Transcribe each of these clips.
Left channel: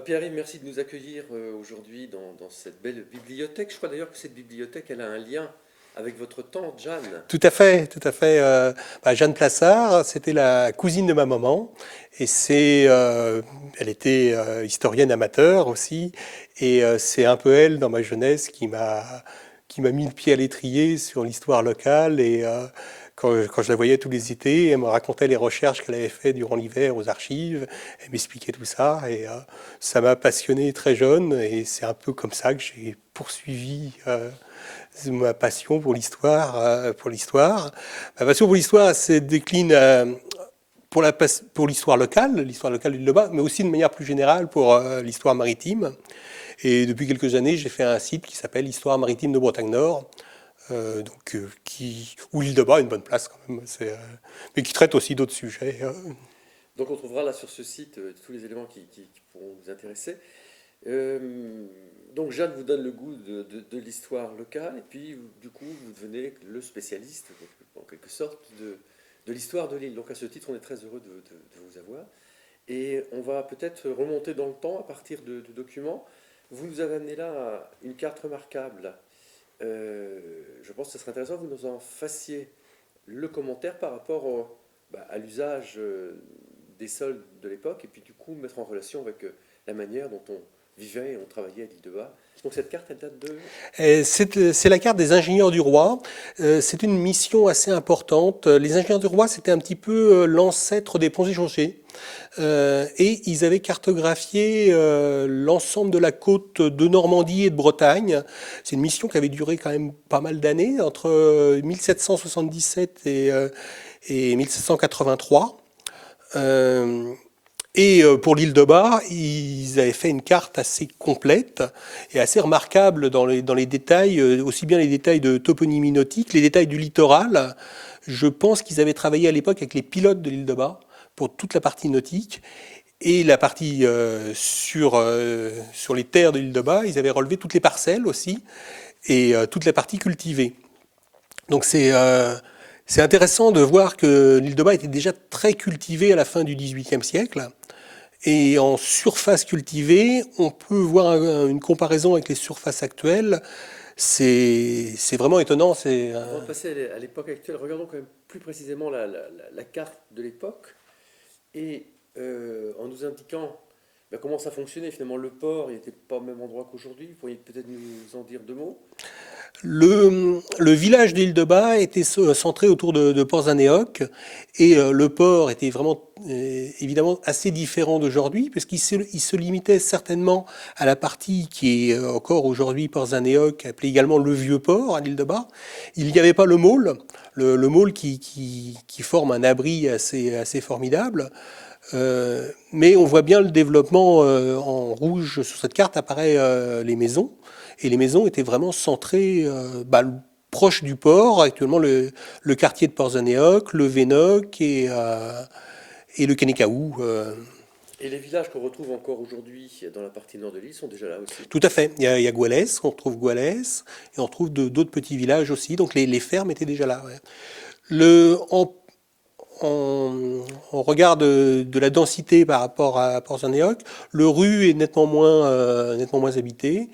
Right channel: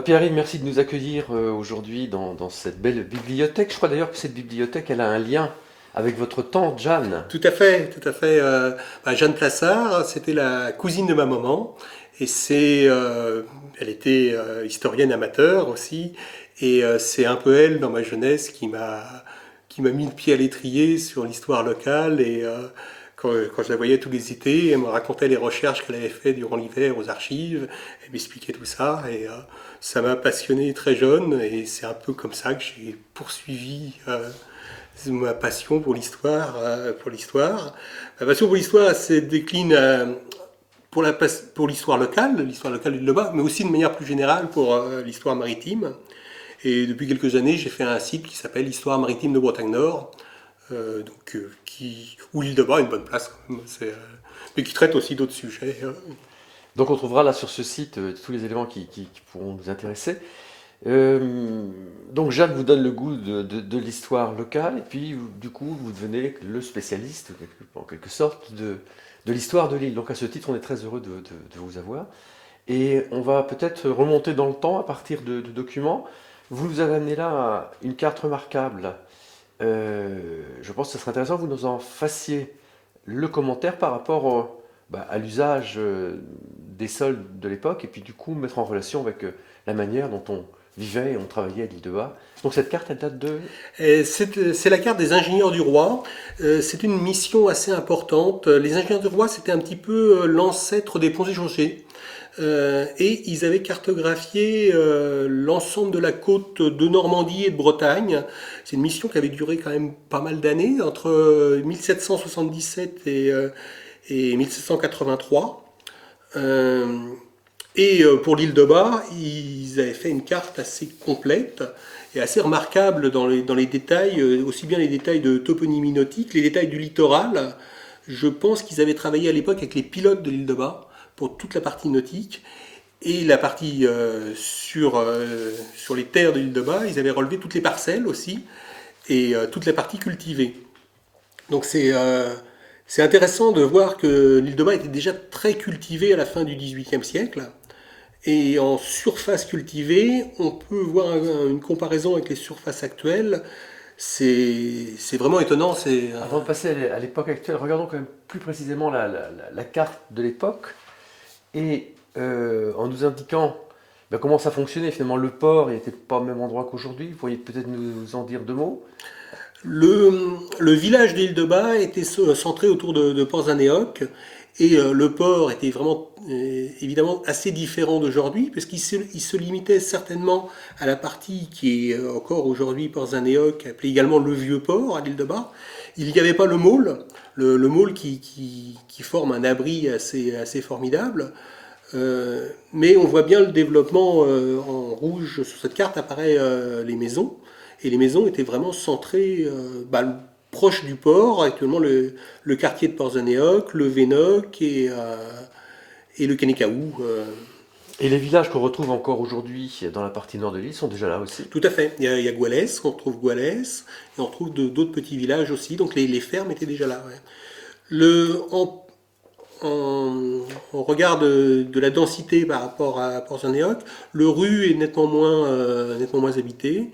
Pierre-Yves, merci de nous accueillir aujourd'hui dans cette belle bibliothèque. Je crois d'ailleurs que cette bibliothèque, elle a un lien avec votre tante Jeanne. Tout à fait, tout à fait. Jeanne Plassard, c'était la cousine de ma maman, et elle était historienne amateur aussi, et c'est un peu elle, dans ma jeunesse, qui m'a mis le pied à l'étrier sur l'histoire locale, et quand je la voyais tous les étés, elle me racontait les recherches qu'elle avait fait durant l'hiver aux archives, elle m'expliquait tout ça, et ça m'a passionné très jeune, et c'est un peu comme ça que j'ai poursuivi. Ma passion pour l'histoire. Ma passion pour l'histoire elle se décline pour l'histoire locale du Loba, mais aussi de manière plus générale pour l'histoire maritime. Et depuis quelques années, j'ai fait un site qui s'appelle Histoire maritime de Bretagne Nord, où l'île de Bas a une bonne place quand même, mais qui traite aussi d'autres sujets. Donc on trouvera là sur ce site tous les éléments qui pourront nous intéresser. Euh, donc Jeanne vous donne le goût de l'histoire locale, et puis du coup vous devenez le spécialiste, en quelque sorte, de l'histoire de l'île. Donc à ce titre, on est très heureux de vous avoir. Et on va peut-être remonter dans le temps à partir de documents. Vous nous avez amené là une carte remarquable. Je pense que ce serait intéressant que vous nous en fassiez le commentaire par rapport à l'usage des sols de l'époque, et puis du coup mettre en relation avec la manière dont on vivait et on travaillait à l'île de Bas. Donc cette carte, elle date de... C'est la carte des ingénieurs du roi. C'est une mission assez importante. Les ingénieurs du roi, c'était un petit peu l'ancêtre des ponts et chaussées. Et ils avaient cartographié l'ensemble de la côte de Normandie et de Bretagne. C'est une mission qui avait duré quand même pas mal d'années, entre 1777 et 1783. Euh, pour l'île de Bas, ils avaient fait une carte assez complète et assez remarquable dans les détails, aussi bien les détails de toponymie nautique, les détails du littoral. Je pense qu'ils avaient travaillé à l'époque avec les pilotes de l'île de Bas pour toute la partie nautique. Et la partie sur les terres de l'île de Bas, ils avaient relevé toutes les parcelles aussi et toute la partie cultivée. Donc c'est intéressant de voir que l'île de Bas était déjà très cultivée à la fin du XVIIIe siècle. Et en surface cultivée, on peut voir une comparaison avec les surfaces actuelles. C'est vraiment étonnant. Avant de passer à l'époque actuelle, regardons quand même plus précisément la carte de l'époque, et en nous indiquant comment ça fonctionnait. Finalement, le port n'était pas au même endroit qu'aujourd'hui. Vous pourriez peut-être nous en dire deux mots. Le village d'Île de Bas était centré autour de Port-Zanéoc et le port était vraiment évidemment assez différent d'aujourd'hui il se limitait certainement à la partie qui est encore aujourd'hui Port-Zanéoc, appelé également le Vieux Port à l'île de Bas. Il n'y avait pas le môle, le môle qui forme un abri assez formidable. Mais on voit bien le développement en rouge sur cette carte apparaît les maisons. Et les maisons étaient vraiment centrées proche du port. Actuellement, le quartier de Port-Zanéoc, le Vénoc et le Canécaou. Et les villages qu'on retrouve encore aujourd'hui dans la partie nord de l'île sont déjà là aussi. Tout à fait. Il y a Goualès, on retrouve Goualès, et on retrouve d'autres petits villages aussi. Donc les fermes étaient déjà là. Ouais. Le, en regard de la densité par rapport à Port-Zanéoc, le Rue est nettement moins habité.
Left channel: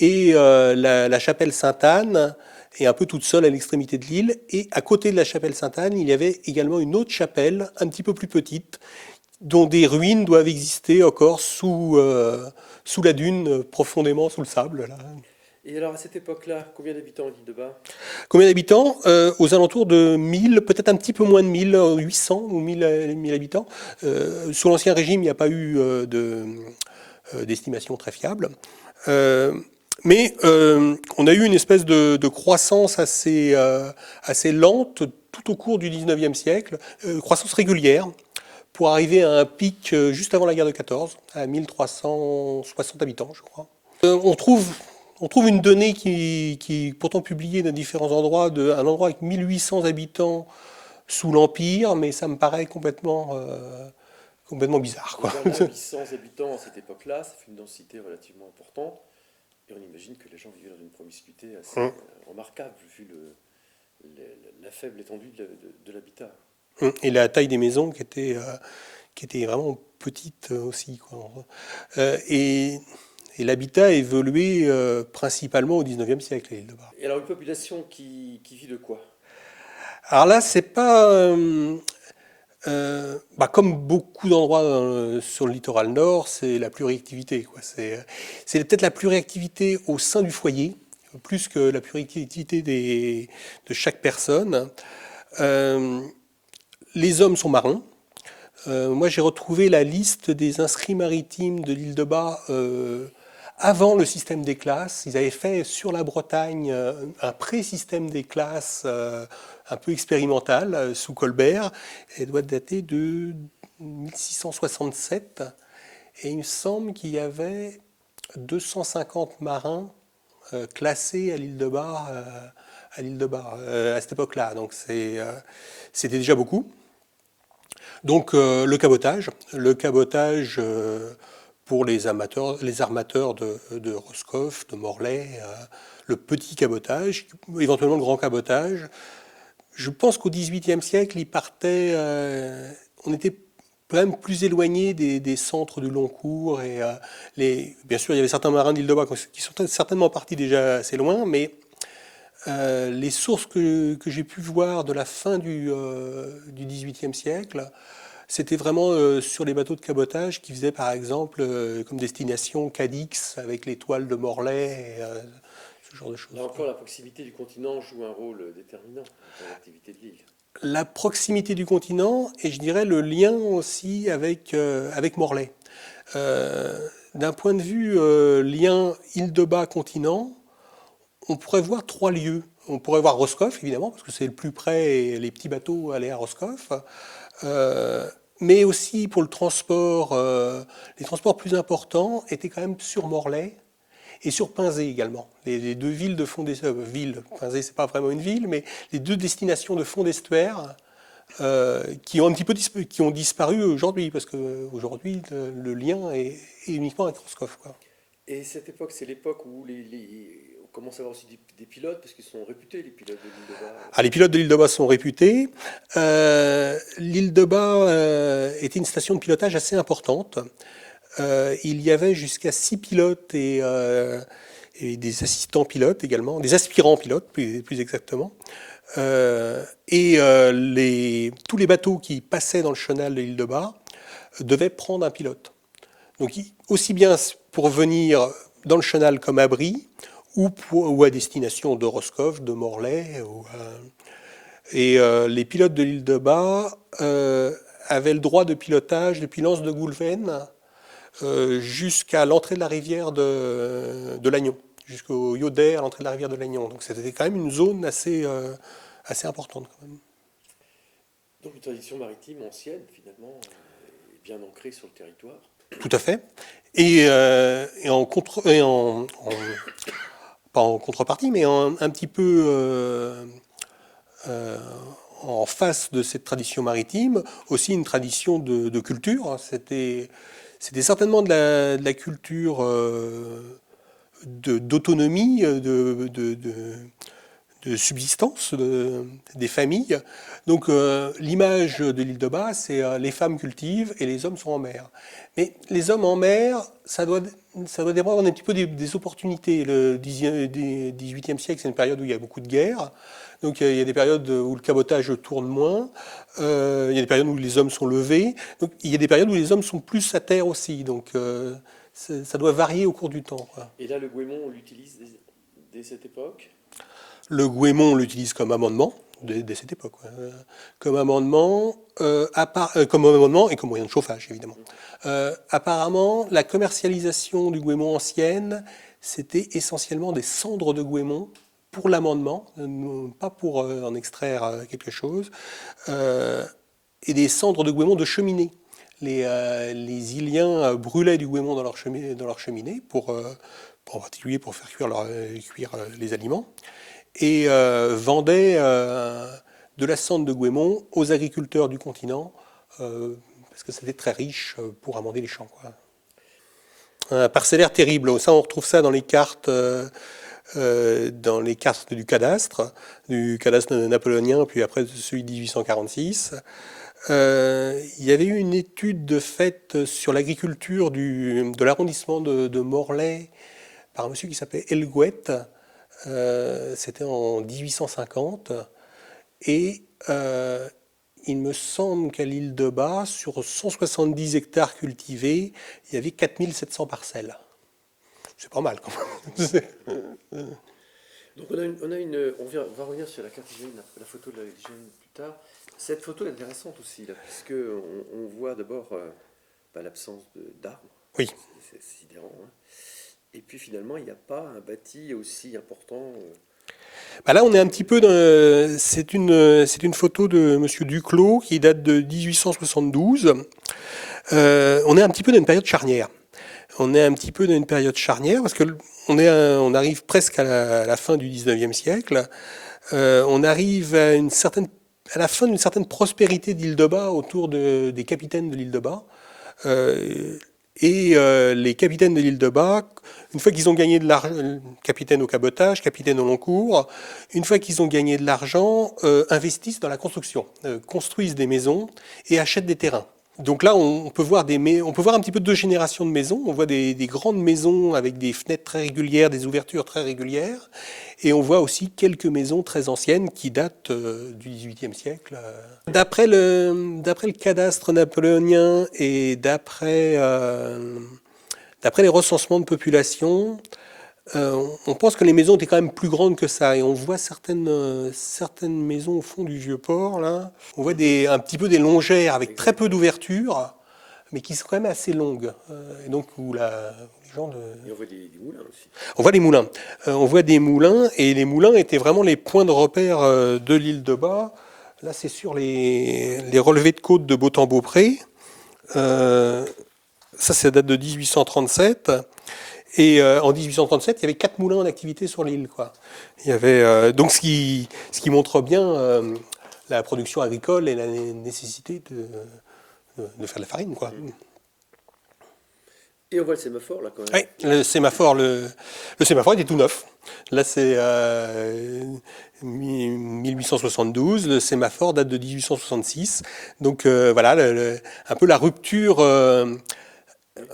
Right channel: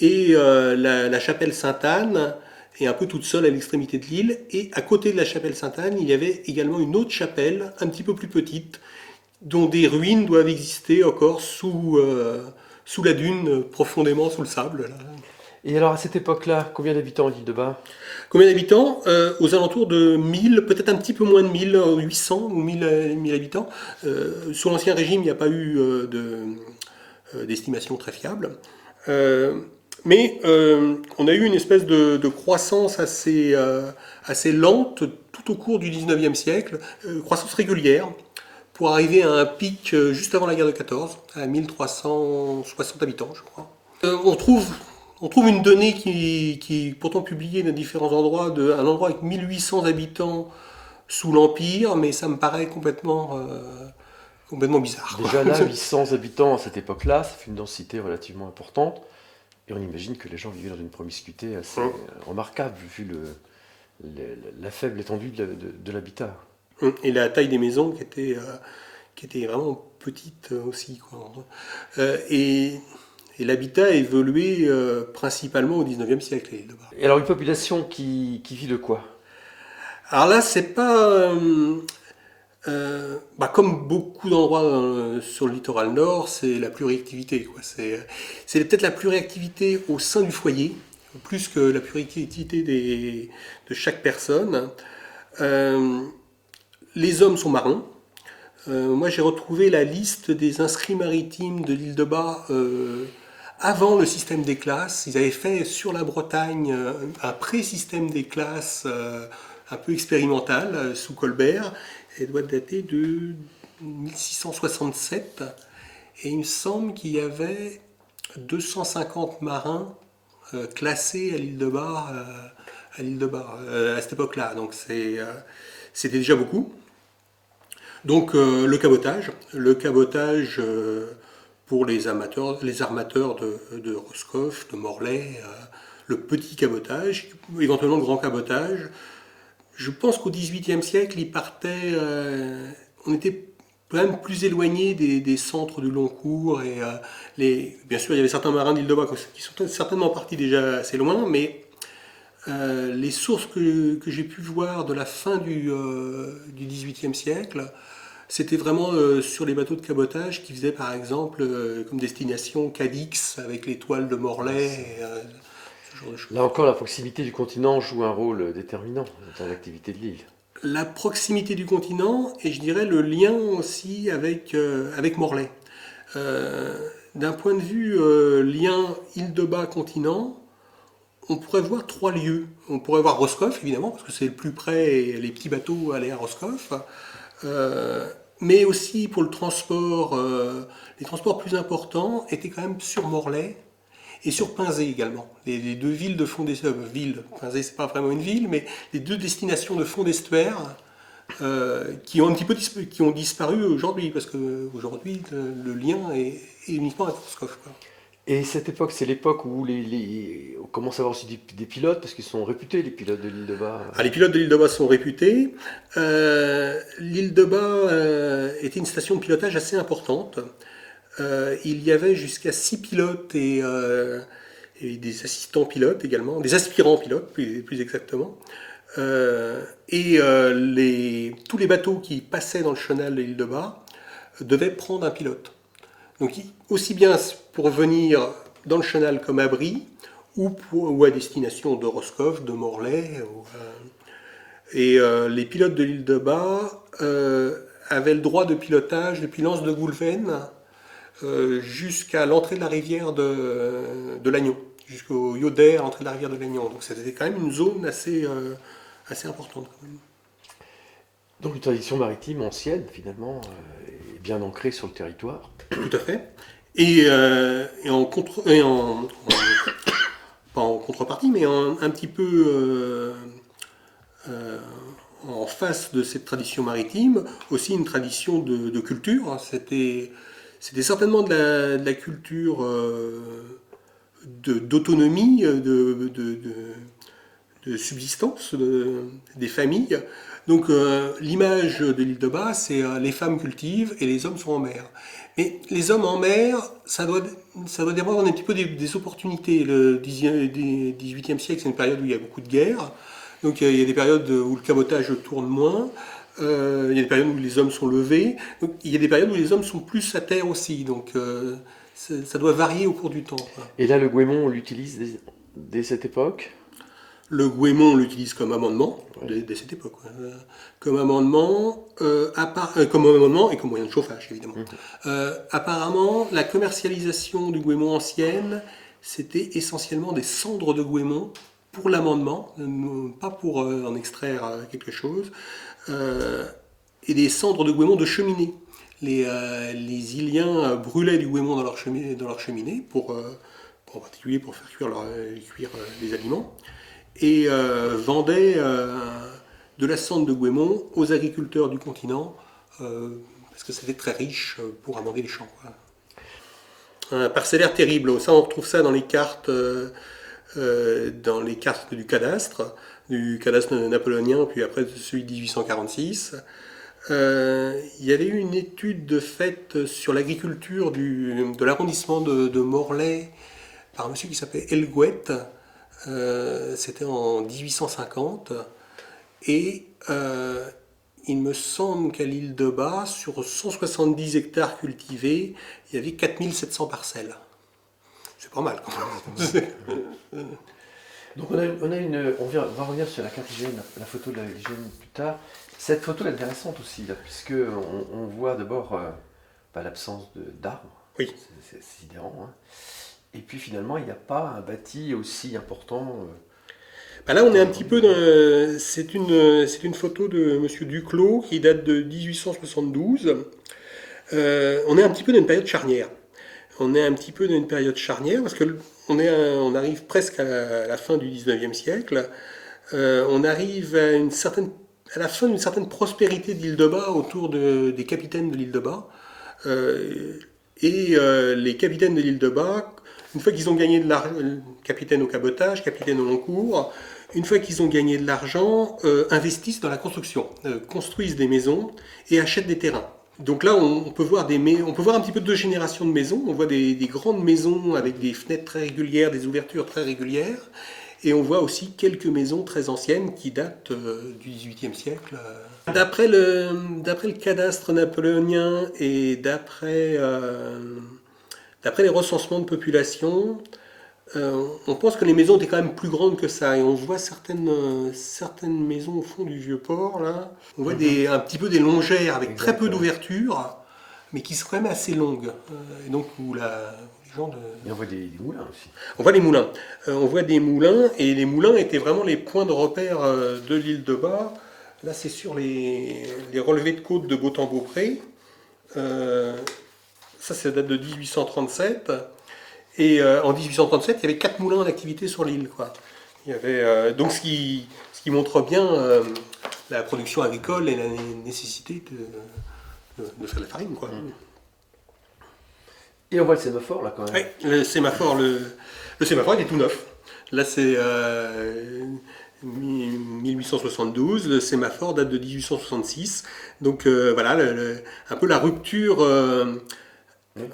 Et la chapelle Sainte-Anne est un peu toute seule à l'extrémité de l'île. Et à côté de la chapelle Sainte-Anne, il y avait également une autre chapelle, un petit peu plus petite, dont des ruines doivent exister encore sous la dune, profondément sous le sable. Là. Et alors à cette époque-là, combien d'habitants l'île de Bas? Combien d'habitants Aux alentours de 1000, peut-être un petit peu moins de 1000, 800 ou 1000 habitants. Sous l'Ancien Régime, il n'y a pas eu d'estimation très fiable. Euh, mais on a eu une espèce de croissance assez lente tout au cours du 19e siècle, croissance régulière, pour arriver à un pic juste avant la guerre de 14, à 1360 habitants, je crois. On trouve une donnée qui est pourtant publiée dans différents endroits, un endroit avec 1800 habitants sous l'Empire, mais ça me paraît complètement bizarre. Quoi. Déjà là, 800 habitants à cette époque-là, ça fait une densité relativement importante. Et on imagine que les gens vivaient dans une promiscuité assez remarquable, vu la faible étendue de l'habitat. Et la taille des maisons qui qui était vraiment petite aussi, quoi. Et l'habitat a évolué principalement au 19e siècle, à l'île de Bar. Et alors une population qui vit de quoi? Alors là, c'est pas comme beaucoup d'endroits sur le littoral nord, c'est la pluriactivité, quoi. C'est peut-être la pluriactivité au sein du foyer, plus que la pluriactivité de chaque personne. Euh, les hommes sont marins. Moi, j'ai retrouvé la liste des inscrits maritimes de l'île de Bas avant le système des classes. Ils avaient fait sur la Bretagne un pré-système des classes un peu expérimental sous Colbert. Elle doit dater de 1667. Et il me semble qu'il y avait 250 marins classés à l'île de Bar, à cette époque-là. Donc c'était déjà beaucoup. Donc le cabotage pour les armateurs de Roscoff, de Morlaix, le petit cabotage, éventuellement le grand cabotage. Je pense qu'au XVIIIe siècle, ils partaient, on était quand même plus éloigné des centres du long cours et bien sûr il y avait certains marins d'Île-de-Bas qui sont certainement partis déjà assez loin, mais les sources que j'ai pu voir de la fin du XVIIIe siècle, c'était vraiment sur les bateaux de cabotage qui faisaient par exemple comme destination Cadix avec les toiles de Morlaix, ce genre de choses. Là encore, la proximité du continent joue un rôle déterminant dans l'activité de l'île. La proximité du continent et je dirais le lien aussi avec Morlaix. D'un point de vue lien Île-de-Bas-Continent, on pourrait voir trois lieux. On pourrait voir Roscoff, évidemment, parce que c'est le plus près et les petits bateaux allaient à Roscoff. Mais aussi pour le transport, les transports plus importants étaient quand même sur Morlaix et sur Pinzé également. Les deux villes de fond d'estuaire, Pinzé c'est pas vraiment une ville, mais les deux destinations de fond d'estuaire qui ont un petit peu qui ont disparu aujourd'hui, parce qu'aujourd'hui le lien est uniquement à Roscoff, quoi. Et cette époque, c'est l'époque où on commence à avoir aussi des pilotes, parce qu'ils sont réputés, les pilotes de l'île de Bas. Ah, les pilotes de l'île de Bas sont réputés. L'île de Bas était une station de pilotage assez importante. Il y avait jusqu'à 6 pilotes et des assistants pilotes également, des aspirants pilotes plus exactement. Tous les bateaux qui passaient dans le chenal de l'île de Bas devaient prendre un pilote. Donc aussi bien pour venir dans le chenal comme abri, ou à destination de Roscoff, de Morlaix. Les pilotes de l'île de Bas avaient le droit de pilotage depuis l'anse de Goulven jusqu'à l'entrée de la rivière de Lannion, jusqu'au Yoder, l'entrée de la rivière de Lannion. Donc c'était quand même une zone assez importante, quand même. Donc une tradition maritime ancienne, finalement, et bien ancrée sur le territoire. Tout à fait. Pas en contrepartie, mais un petit peu en face de cette tradition maritime, aussi une tradition de culture. C'était certainement de la culture d'autonomie, de subsistance des familles. Donc l'image de l'île de Bas, c'est les femmes cultivent et les hommes sont en mer. Mais les hommes en mer, ça doit dépendre un petit peu des opportunités. Le 18e siècle, c'est une période où il y a beaucoup de guerres. Donc il y a des périodes où le cabotage tourne moins. Il y a des périodes où les hommes sont levés. Donc il y a des périodes où les hommes sont plus à terre aussi. Donc ça doit varier au cours du temps, quoi. Et là, le Goémon, on l'utilise dès cette époque? Le Goémon, on l'utilise comme amendement, dès cette époque, ouais. Comme amendement, comme amendement et comme moyen de chauffage, évidemment. Apparemment, la commercialisation du Goémon ancienne, c'était essentiellement des cendres de Goémon pour l'amendement, pas pour en extraire quelque chose, et des cendres de Goémon de cheminée. Les Iliens brûlaient du Goémon dans leur cheminée, en particulier pour faire cuire les aliments, et vendaient de la cendre de Goémon aux agriculteurs du continent, parce que c'était très riche pour amender les champs, quoi. Un parcellaire terrible, ça on retrouve ça dans les cartes du cadastre napoléonien, puis après celui de 1846. Il y avait eu une étude faite sur l'agriculture de l'arrondissement de Morlaix par un monsieur qui s'appelait Helgouet. C'était en 1850. Et il me semble qu'à l'île de Bas, sur 170 hectares cultivés, il y avait 4700 parcelles. C'est pas mal quand même. Donc on va revenir sur la carte hygiène, la photo de la hygiène plus tard. Cette photo est intéressante aussi, là, puisque on voit d'abord l'absence d'arbres, Oui. c'est sidérant, hein. Et puis finalement, il n'y a pas un bâti aussi important. Bah là, on est un petit peu c'est une photo de Monsieur Duclos qui date de 1872. On est un petit peu dans une période charnière. On est un petit peu dans une période charnière parce que on arrive presque à la fin du 19e siècle. On arrive à la fin d'une certaine prospérité de l'île de Bas autour des capitaines de l'île de Bas. Les capitaines de l'île de Bas, une fois qu'ils ont gagné de l'argent, capitaine au cabotage, capitaine au long cours, une fois qu'ils ont gagné de l'argent, investissent dans la construction, construisent des maisons et achètent des terrains. Donc là, on peut voir un petit peu deux générations de maisons. On voit des grandes maisons avec des fenêtres très régulières, des ouvertures très régulières. Et on voit aussi quelques maisons très anciennes qui datent du XVIIIe siècle. D'après le cadastre napoléonien et d'après les recensements de population, on pense que les maisons étaient quand même plus grandes que ça. Et on voit certaines maisons au fond du vieux port, là. On voit un petit peu des longères avec très peu d'ouverture, mais qui sont quand même assez longues. Et donc, Et on voit des moulins aussi. On voit des moulins. On voit des moulins, et les moulins étaient vraiment les points de repère de l'île de Bas. Là, c'est sur les relevés de côte de Beautemps-Beaupré. Ça date de 1837. Et en 1837, il y avait 4 moulins en activité sur l'île, quoi. Il y avait, donc ce qui montre bien la production agricole et la nécessité de faire de la farine, quoi. Et on voit le sémaphore là quand même. Oui, le sémaphore il est tout neuf. Là, c'est 1872. Le sémaphore date de 1866. Donc voilà, un peu la rupture.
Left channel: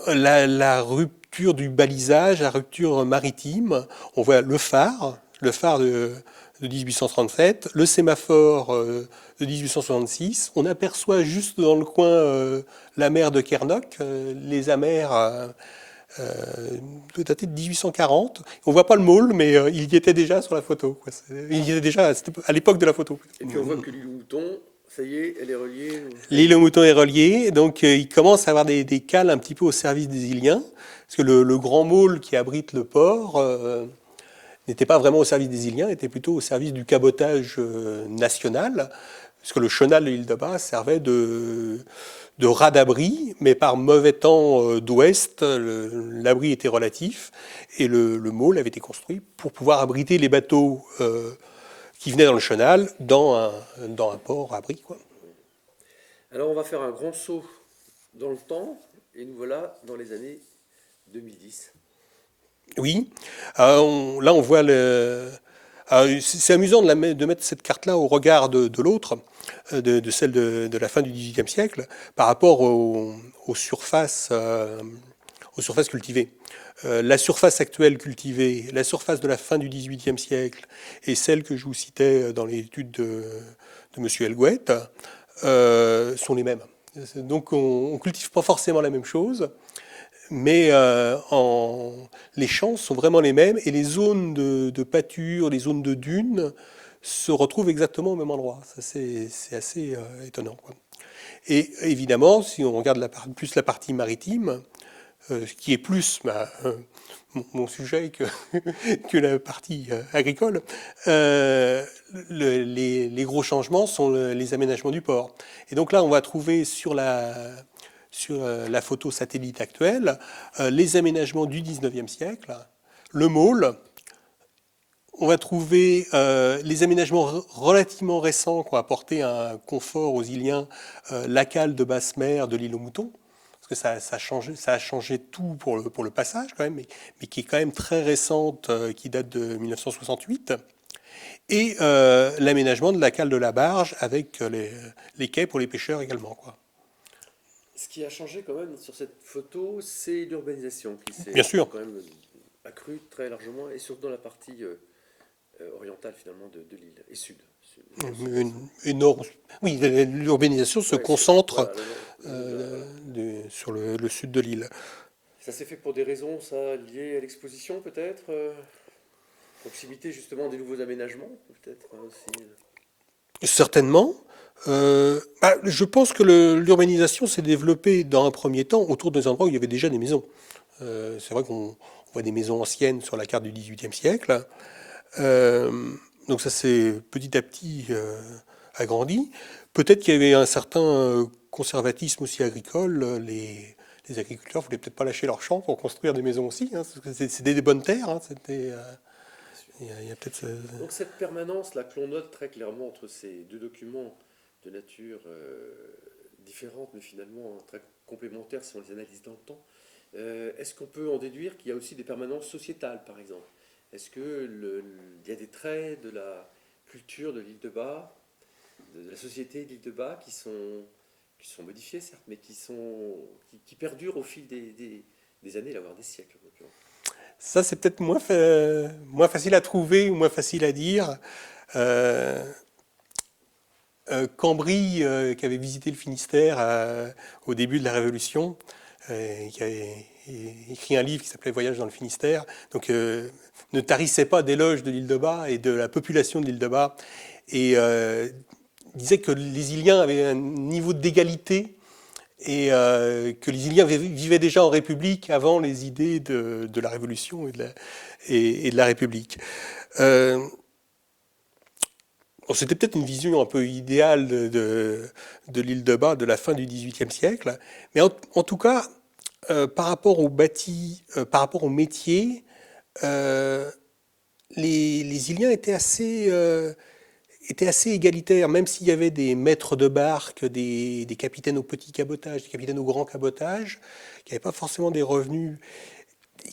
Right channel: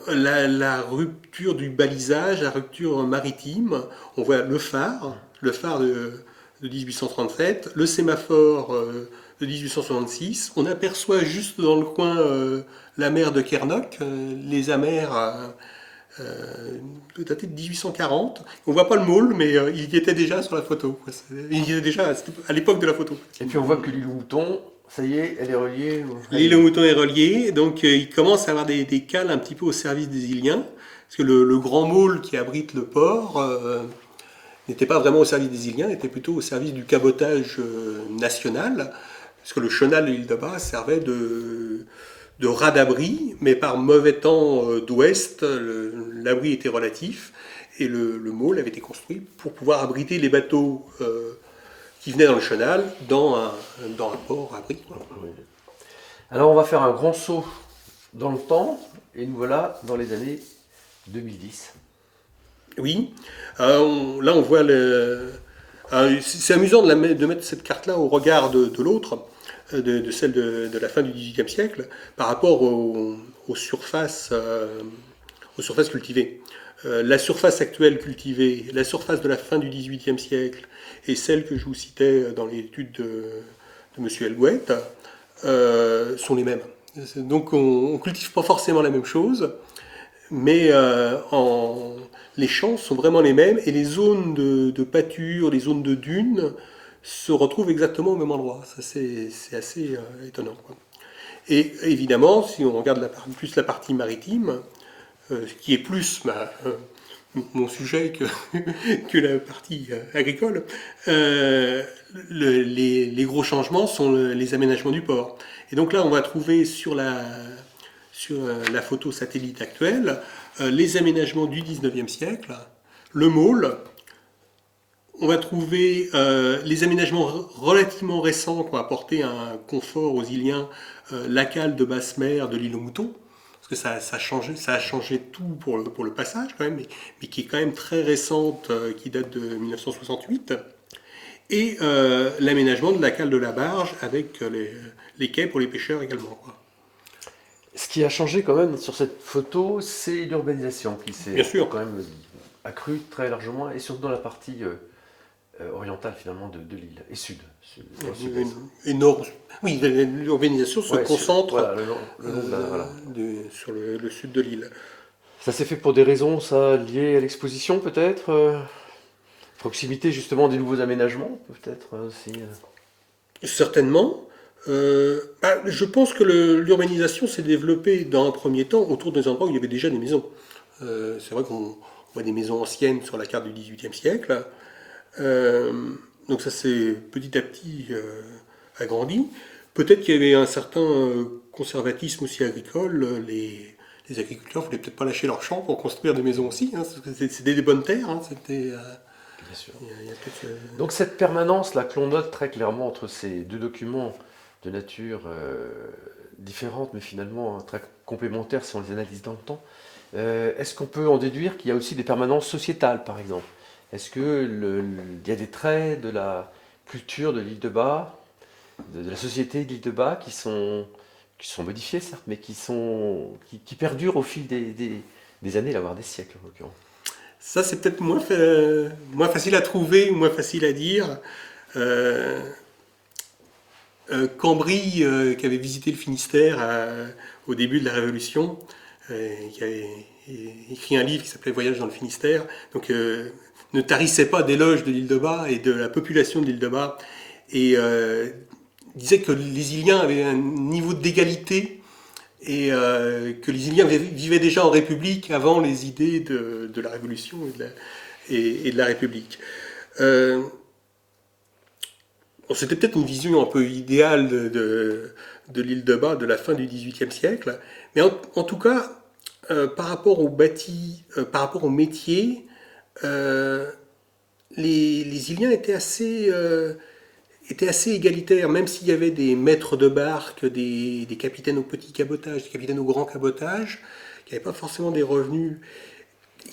La rupture du balisage, la rupture maritime. On voit le phare de 1837, le sémaphore de 1866. On aperçoit juste dans le coin la mer de Kernock, les amers datés de 1840. On voit pas le môle, mais il y était déjà sur la photo. Il y était déjà à l'époque de la photo. Et puis on voit que l'île aux moutons, ça y est, elle est reliée. L'île aux moutons est reliée, donc il commence à avoir des cales un petit peu au service des Iliens, parce que le grand môle qui abrite le port n'était pas vraiment au service des Iliens, était plutôt au service du cabotage national, parce que le chenal de l'île de Bas servait de rat d'abri, mais par mauvais temps d'ouest, l'abri était relatif, et le môle avait été construit pour pouvoir abriter les bateaux qui venaient dans le chenal dans un port abri, quoi. Alors on va faire un grand saut dans le temps, et nous voilà dans les années 2010. Oui, là on voit c'est amusant de mettre cette carte-là au regard de l'autre, de celle de la fin du XVIIIe siècle, par rapport aux surfaces cultivées. La surface actuelle cultivée, la surface de la fin du XVIIIe siècle et celle que je vous citais dans l'étude de M. Helgouet sont les mêmes. Donc on ne cultive pas forcément la même chose, mais les champs sont vraiment les mêmes et les zones de pâture, les zones de dunes se retrouvent exactement au même endroit. Ça, c'est assez étonnant, quoi. Et évidemment, si on regarde plus la partie maritime, qui est plus mon sujet que la partie agricole, les gros changements sont les aménagements du port. Et donc là, on va trouver sur la photo satellite actuelle les aménagements du 19e siècle, le môle. On va trouver les aménagements relativement récents qui ont apporté un confort aux Iliens, la cale de basse mer de l'île aux moutons, parce que ça a changé tout pour le passage quand même, mais qui est quand même très récente, qui date de 1968, et l'aménagement de la cale de la barge avec les quais pour les pêcheurs également, quoi. Ce qui a changé quand même sur cette photo, c'est l'urbanisation qui Bien s'est sûr. quand même accrue très largement, et surtout dans la partie orientale finalement de l'île, et dans le Une, sud-est. une or- Oui, l'urbanisation se Ouais, concentre voilà, le long de la, voilà. sur le sud de l'île. Ça s'est fait pour des raisons, ça, liées à l'exposition peut-être proximité justement des nouveaux aménagements, peut-être aussi. Certainement. Je pense que l'urbanisation s'est développée dans un premier temps autour des endroits où il y avait déjà des maisons. C'est vrai qu'on voit des maisons anciennes sur la carte du XVIIIe siècle. Euh, donc ça s'est petit à petit agrandi. Peut-être qu'il y avait un certain conservatisme aussi agricole. Les agriculteurs ne voulaient peut-être pas lâcher leurs champs pour construire des maisons aussi, hein, parce que c'était des bonnes terres. Hein, Bien sûr. il y a peut-être Donc cette permanence là que l'on note très clairement entre ces deux documents de nature différente, mais finalement très complémentaires si on les analyse dans le temps, est-ce qu'on peut en déduire qu'il y a aussi des permanences sociétales, par exemple? Est-ce que il y a des traits de la culture de l'île de Bas, de la société de l'île de Bas qui sont modifiés, certes, mais qui perdurent au fil des années, voire des siècles en l'occurrence. ça, c'est peut-être moins facile à trouver ou moins facile à dire. Euh, Cambry, qui avait visité le Finistère au début de la Révolution, qui avait écrit un livre qui s'appelait Voyage dans le Finistère, donc ne tarissait pas d'éloges de l'île de Bas et de la population de l'île de Bas, et disait que les Iliens avaient un niveau d'égalité et que les Iliens vivaient déjà en République avant les idées de la Révolution et de la République. Euh, Bon, c'était peut-être une vision un peu idéale de l'île de Bas de la fin du XVIIIe siècle, mais en tout cas, par rapport au bâti, par rapport au métier, euh, les Iliens étaient assez égalitaires, même s'il y avait des maîtres de barque, des capitaines au petit cabotage, des capitaines au grand cabotage, qui n'avaient pas forcément des revenus,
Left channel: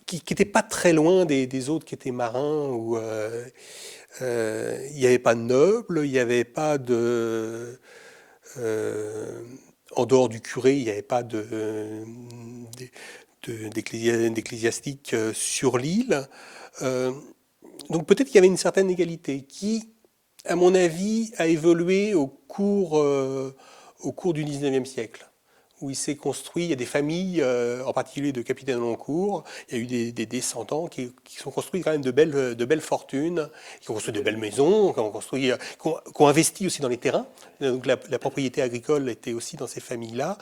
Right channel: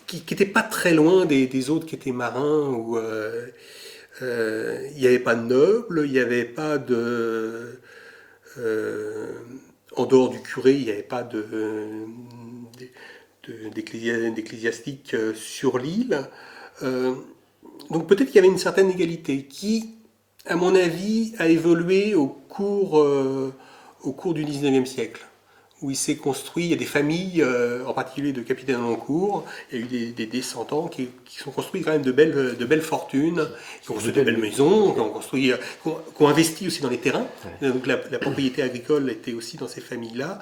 qui n'étaient pas très loin des autres qui étaient marins ou il n'y avait pas de nobles, il n'y avait pas de. euh, En dehors du curé, il n'y avait pas d'ecclésiastique sur l'île. Euh, donc peut-être qu'il y avait une certaine égalité qui, à mon avis, a évolué au cours du 19e siècle, où il s'est construit, il y a des familles, en particulier de capitaines de long cours, il y a eu des descendants qui sont construits quand même de belles fortunes, qui ont Et de construit de belles belles. maisons, qui ont investi aussi dans les terrains. Ouais. Donc la propriété agricole était aussi dans ces familles-là.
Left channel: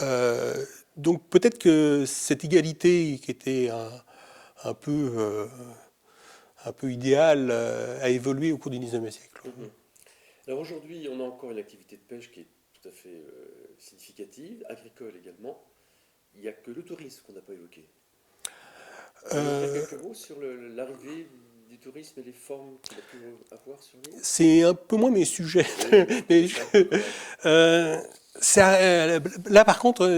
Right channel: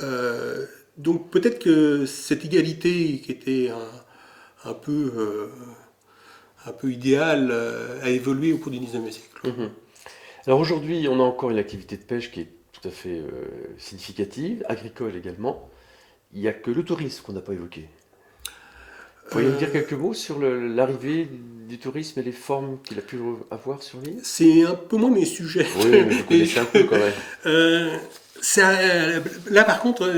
Euh, donc peut-être que cette égalité qui était un peu, euh, un peu idéale a évolué au cours du 19e siècle. Mhm. Alors aujourd'hui, on a encore une activité de pêche qui est tout à fait significative, agricole également. Il n'y a que le tourisme qu'on n'a pas évoqué. Vous pourriez me dire Euh, quelques mots sur l'arrivée du tourisme et les formes qu'il a pu avoir sur l'île? c'est un peu moins mes sujets. Oui, mais vous Mais connaissez un peu quand même. Euh, là, par contre,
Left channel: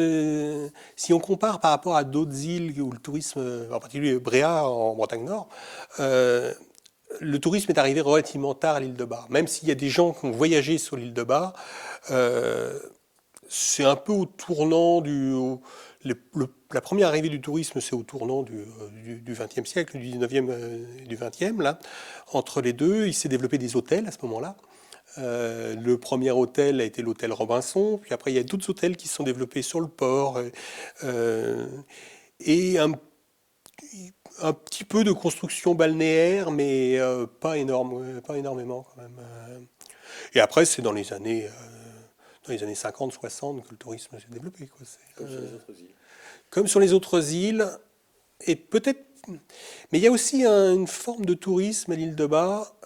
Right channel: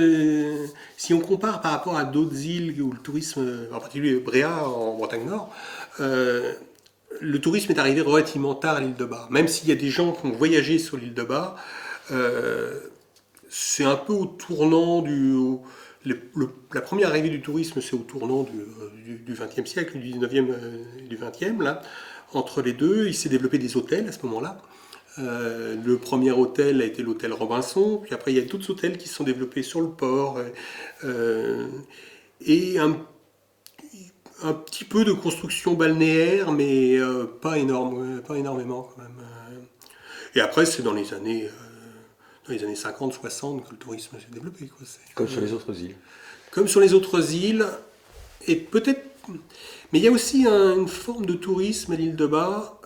si on compare par rapport à d'autres îles où le tourisme, en particulier Bréa en Bretagne Nord, euh, le tourisme est arrivé relativement tard à l'île de Bas. Même s'il y a des gens qui ont voyagé sur l'île de Bas, euh, c'est un peu au tournant la première arrivée du tourisme, c'est au tournant du XXe siècle, du XIXe, du XXe, là. Entre les deux, il s'est développé des hôtels à ce moment-là. Le premier hôtel a été l'hôtel Robinson, puis après il y a d'autres hôtels qui se sont développés sur le port, euh, et un petit peu de construction balnéaire, mais pas énormément quand même. Et après c'est dans les années 50, 60 que le tourisme s'est développé, quoi. Comme sur les autres îles. Comme sur les autres îles, et peut-être. Mais il y a aussi une forme de tourisme à l'île de Bas,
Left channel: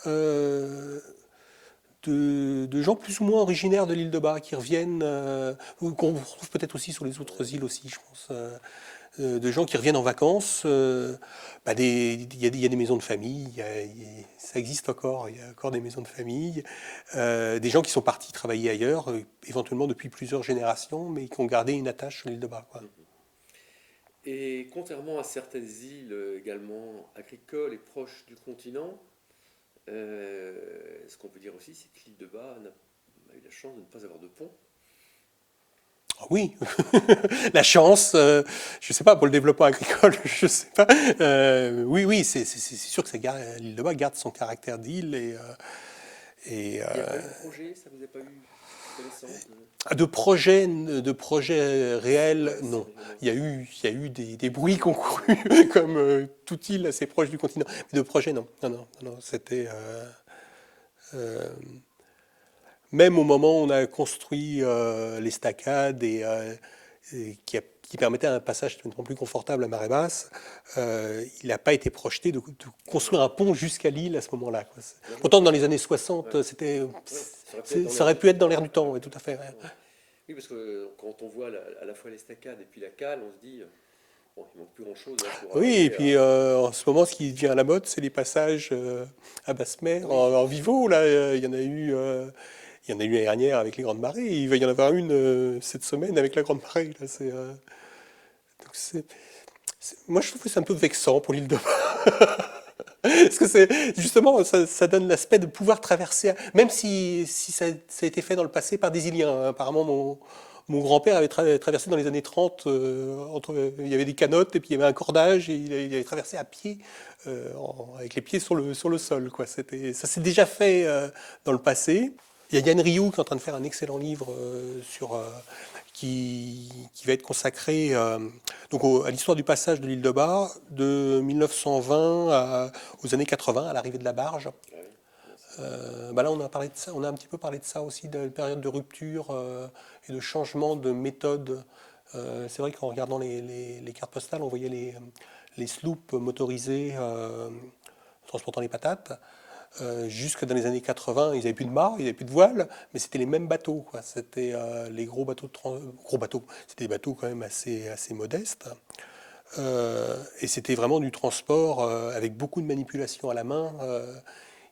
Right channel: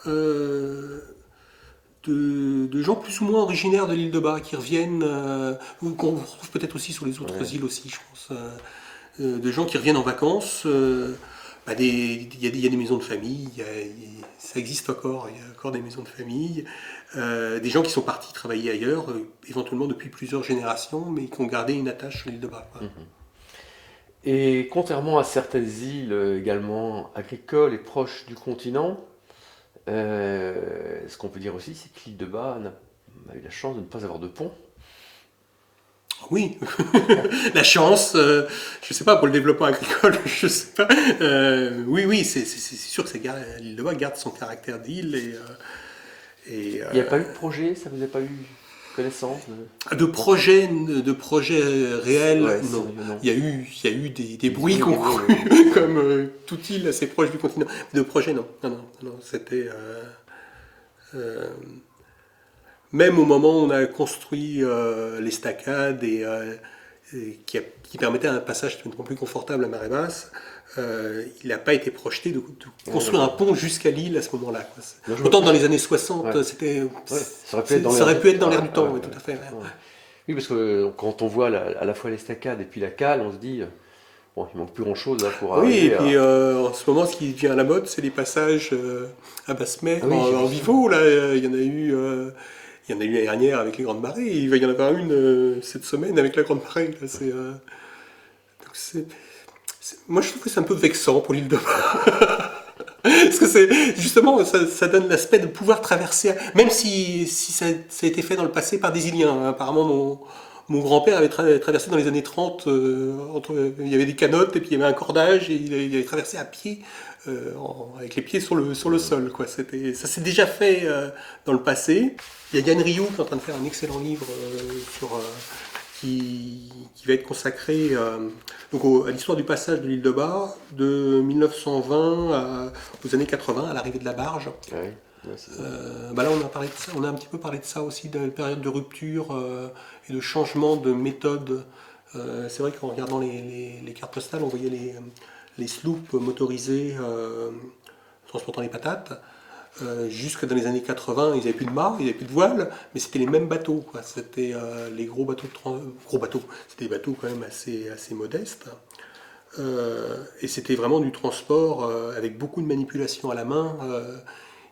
de gens plus ou moins originaires de l'île de Bas qui reviennent, ou qu'on retrouve peut-être aussi sur les autres Ouais. îles aussi, je pense. De gens qui reviennent en vacances. Il y a des maisons de famille, ça existe encore, il y a encore des maisons de famille. Des gens qui sont partis travailler ailleurs, éventuellement depuis plusieurs générations, mais qui ont gardé une attache sur l'île de Bas, quoi. Mhm. Et contrairement à certaines îles également agricoles et proches du continent, ce qu'on peut dire aussi, c'est que l'île de Bas n'a eu la chance de ne pas avoir de pont. Oui, la chance, je sais pas, pour le développement agricole, je sais pas. Oui, oui, c'est sûr que l'île de Bas garde son caractère d'île et, Il n'y a pas eu de projet, ça vous n'a pas eu connaissance de projets réels, Ouais, non. sérieux, non. Il y a eu des Des bruits bruits, qui ont des bruits, couru, ouais. comme toute île assez proche du continent. De projets, non. Non, non, non, c'était... euh, même au moment où on a construit l'estacade qui permettait un passage plus confortable à marée basse, il n'a pas été projeté de Ah, construire un d'accord. pont jusqu'à l'île à ce moment-là, quoi. Non, je vois Autant dans plus. les années Ouais, 60, ouais, ça aurait pu être dans ça l'air aurait du pu être dans temps. l'air Ouais, du ouais, temps, oui, tout ouais, à fait. complètement, ouais. Oui, parce que quand on voit à la fois l'estacade et puis la cale, on se dit, bon, il manque plus grand-chose là pour Oui, et arriver puis à. en ce moment, ce qui vient à la mode, c'est les passages à basse Ah mer oui, j'ai en vu ça. vivo. Là, il y en a eu l'année dernière avec les grandes marées. Et il va y en avoir une cette semaine avec la grande marée. Là, donc moi, je trouve que c'est un peu vexant pour l'île de Parce que c'est justement, ça donne l'aspect de pouvoir traverser, même si ça a été fait dans le passé par des Iliens. Apparemment, mon grand-père avait traversé dans les années 30, il y avait des canottes et puis il y avait un cordage et il avait traversé à pied, avec les pieds sur le sol, quoi. Ça s'est déjà fait dans le passé. Il y a Yann Rioux qui est en train de faire un excellent livre qui va être consacré à l'histoire du passage de l'île de Bar de 1920 aux années 80, à l'arrivée de la barge. Ah oui, ouais, c'est. Là, on a parlé de ça, on a un petit peu parlé de ça aussi, de la période de rupture et de changement de méthode. C'est vrai qu'en regardant les cartes postales, on voyait les sloops motorisés transportant les patates. Jusque dans les années 80, ils n'avaient plus de mât, ils n'avaient plus de voile, mais c'était les mêmes bateaux, quoi. C'était les gros bateaux, gros bateaux, c'était des bateaux quand même assez modestes. Et c'était vraiment du transport avec beaucoup de manipulation à la main.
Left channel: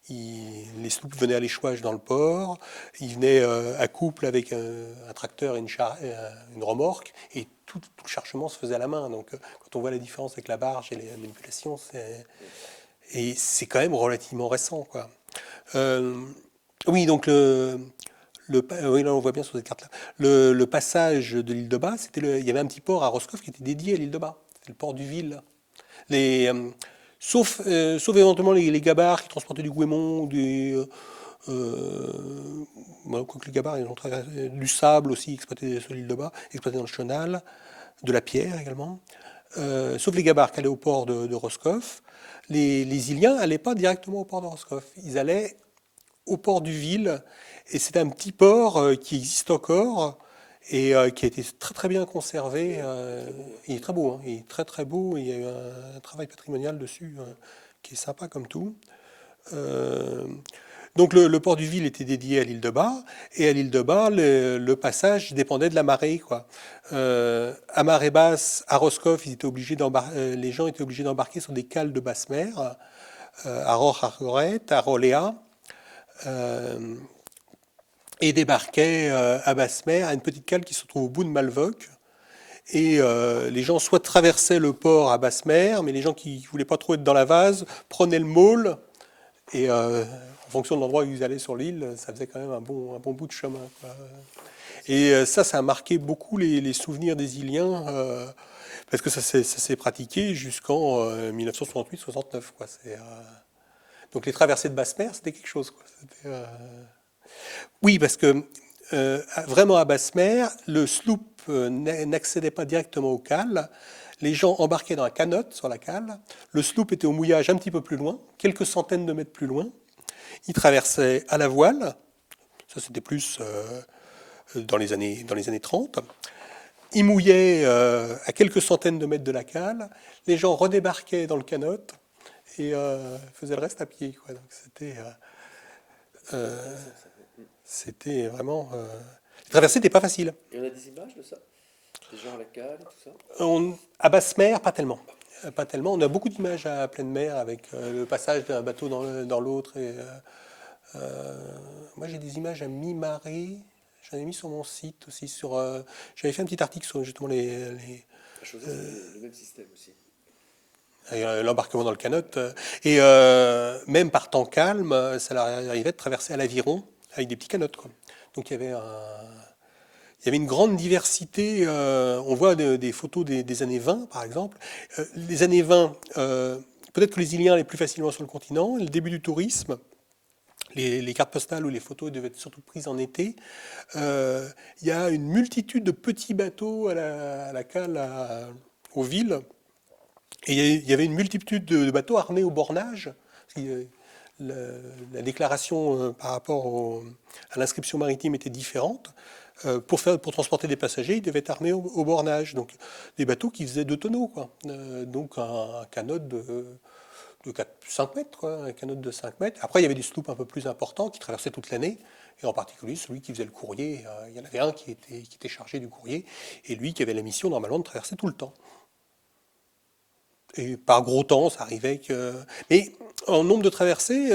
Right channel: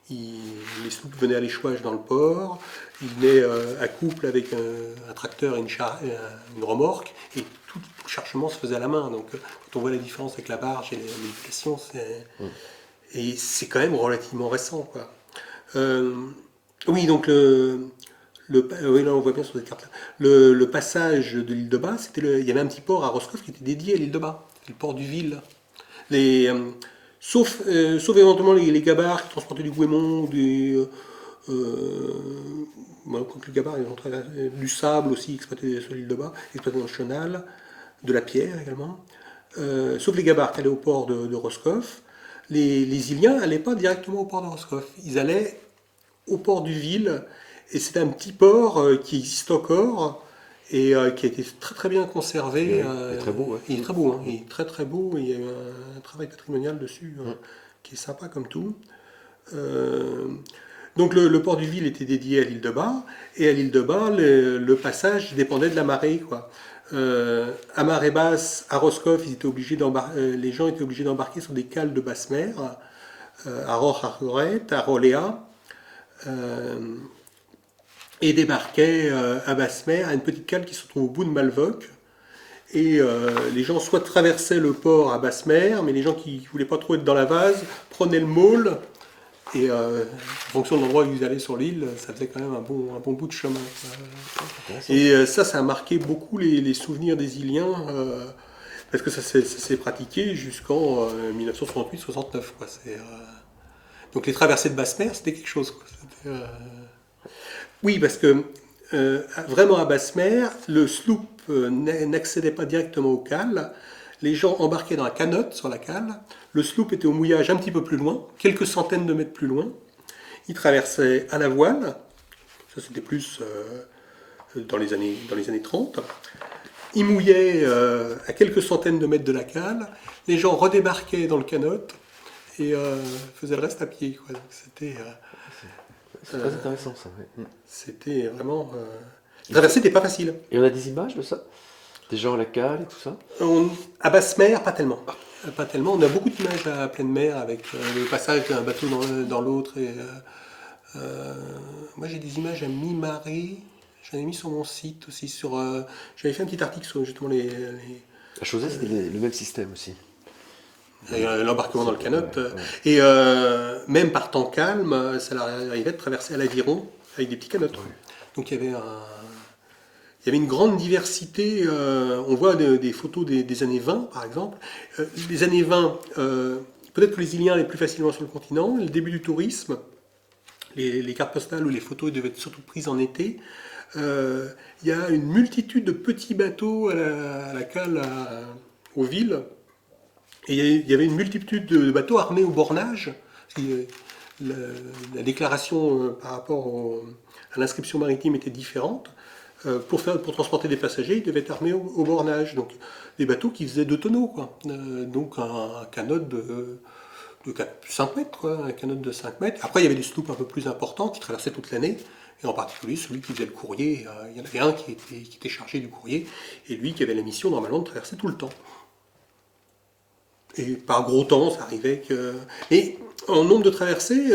Les sloops venaient à l'échouage dans le port, ils venaient à couple avec un tracteur et une remorque, et tout le chargement se faisait à la main. Donc quand on voit la différence avec la barge et les manipulations, et c'est quand même relativement récent, quoi. Euh, oui, donc oui, là on voit bien sur cette carte-là. Le passage de l'île de Bas, il y avait un petit port à Roscoff qui était dédié à l'île de Bas, le port du Ville. Les, sauf éventuellement les gabarres qui transportaient du goémon, quoique les gabarres, ils ont du sable aussi exploité sur l'île de Bas, exploité dans le chenal, de la pierre également. Sauf les gabarres qui allaient au port de Roscoff. Les Iliens n'allaient pas directement au port de Roscoff. Ils allaient au port du Ville. Et c'est un petit port qui existe encore et qui a été très très bien conservé. Oui, il est très beau, ouais. Il est très beau, hein. Il est très très beau. Il y a eu un travail patrimonial dessus Mm. qui est sympa comme tout. Euh, donc le port du Ville était dédié à l'île de Bar, et à l'île de Bar, le passage dépendait de la marée, quoi. À marée basse, à Roscoff, les gens étaient obligés d'embarquer sur des cales de basse mer, à Roch-Argoret, à Roléa, euh, et débarquaient à basse mer, à une petite cale qui se trouve au bout de Malvoc. Et les gens soit traversaient le port à basse mer, mais les gens qui ne voulaient pas trop être dans la vase prenaient le môle. Et en fonction de l'endroit où ils allaient sur l'île, ça faisait quand même un bon bout de chemin. Intéressant. Et ça a marqué beaucoup les souvenirs des Iliens, parce que ça s'est pratiqué jusqu'en 1968-69. Donc les traversées de basse mer, c'était quelque chose, quoi. Oui, parce que vraiment à basse mer, le sloop n'accédait pas directement aux cales. Les gens embarquaient dans la canotte sur la cale. Le sloop était au mouillage un petit peu plus loin, quelques centaines de mètres plus loin. Ils traversaient à la voile. Ça, c'était plus dans les années 30. Ils mouillaient à quelques centaines de mètres de la cale. Les gens redébarquaient dans le canot et faisaient le reste à pied, quoi. Donc, C'est très intéressant ça. Ouais. Mm. c'était vraiment. La traversée n'était pas facile. Et on a des images de ça? Des gens à la cale et tout ça? À basse mer, pas tellement. Pas tellement. On a beaucoup d'images à pleine mer avec le passage d'un bateau dans l'autre. Moi, j'ai des images à mi-marée. J'en ai mis sur mon site aussi. J'avais fait un petit article sur justement La Chausée, c'était le même système aussi. l'embarquement dans le canot. Ouais, ouais. Et même par temps calme, ça leur arrivait de traverser à l'aviron avec des petits canots. Donc il y avait il y avait une grande diversité. On voit des photos des années 20, par exemple. Les années 20, peut-être que les îles allaient plus facilement sur le continent. Le début du tourisme, les cartes postales ou les photos devaient être surtout prises en été. Il y a une multitude de petits bateaux à la cale aux villes. Et il y avait une multitude de bateaux armés au bornage. La, la déclaration par rapport à l'inscription maritime était différente. Pour transporter des passagers, ils devaient être armés au bornage. Donc des bateaux qui faisaient 2 tonneaux, quoi. Donc un canot de 5 mètres, quoi, un canot de 5 mètres. Après, il y avait des sloops un peu plus importants qui traversaient toute l'année. Et en particulier celui qui faisait le courrier. Il y en avait un qui était chargé du courrier. Et lui qui avait la mission normalement de traverser tout le temps. Et par gros temps, ça arrivait que. Et en nombre de traversées,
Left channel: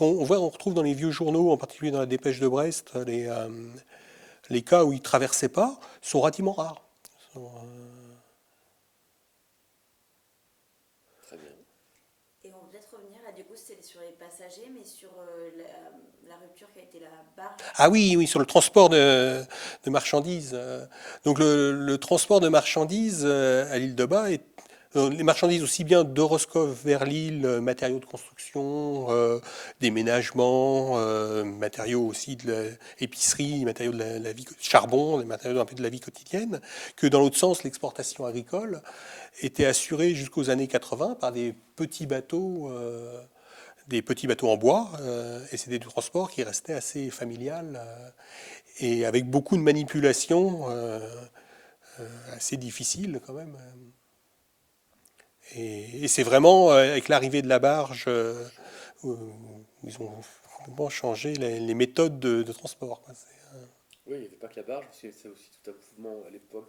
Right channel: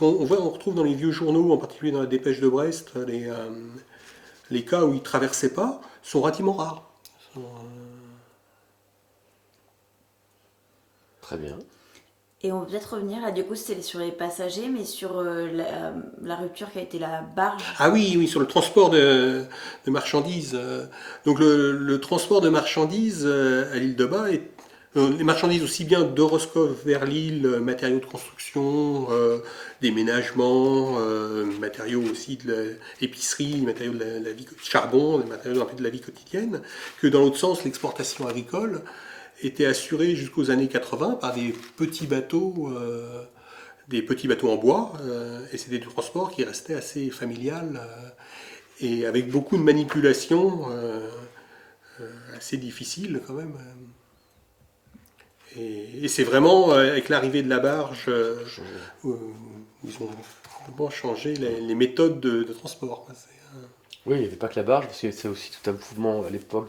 on retrouve dans les vieux journaux, en particulier dans la Dépêche de Brest, les cas où ils ne traversaient pas sont relativement rares. Très bien. Et on peut peut-être revenir, là, du coup, c'était sur les passagers, mais sur la rupture qui a été la barge. Ah oui, oui, sur le transport de marchandises. Donc le transport de marchandises à l'île de Bas les marchandises aussi bien de Roscoff vers l'île, matériaux de construction, déménagement, matériaux aussi de l'épicerie, matériaux de la vie, charbon, des matériaux un peu de la vie quotidienne, que dans l'autre sens, l'exportation agricole était assurée jusqu'aux années 80 par des petits bateaux en bois, et c'était du transport qui restait assez familial et avec beaucoup de manipulations assez difficiles quand même. Et c'est vraiment avec l'arrivée de la barge, ils ont complètement changé les méthodes de transport, quoi. Oui, il n'y avait pas que la barge, parce que c'est aussi tout un mouvement à l'époque.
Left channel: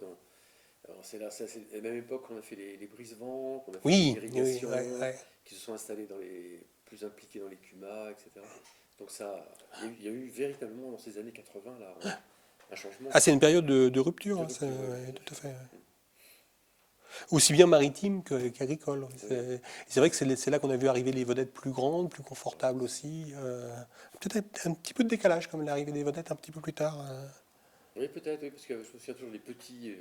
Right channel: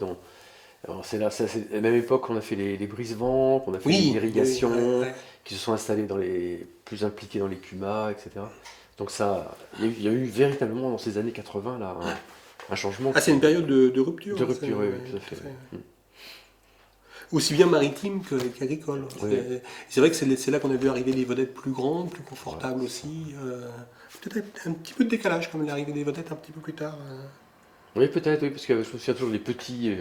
Alors, c'est la même époque qu'on a fait les brise-vents, qu'on a fait Oui, oui, l'irrigation, ouais. qui se sont installés plus impliqués dans les cumas, etc. Donc ça, il y a eu véritablement dans ces années 80 là un changement Ah, c'est une période de rupture. de Hein, rupture, oui, oui, ouais, tout à tout à fait. fait. Mm. Aussi bien maritime qu'agricole. Oui, C'est vrai que c'est là qu'on a vu arriver les vedettes plus grandes, plus voilà. confortables aussi. Peut-être un petit peu de décalage comme l'arrivée des vedettes un petit peu plus tard. Oui, peut-être, oui, parce que je me souviens toujours des petits,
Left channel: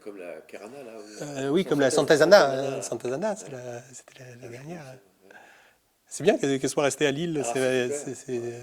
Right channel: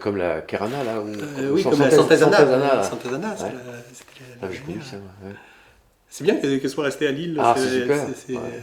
comme la Carana là, ou Oui, comme la Sant'Asana. Là. Sant'Asana, Ouais. c'était Ah, la j'ai connu dernière. ça. Ouais. C'est bien qu'elle soit restée à Lille. Ah, c'est super. Ouais.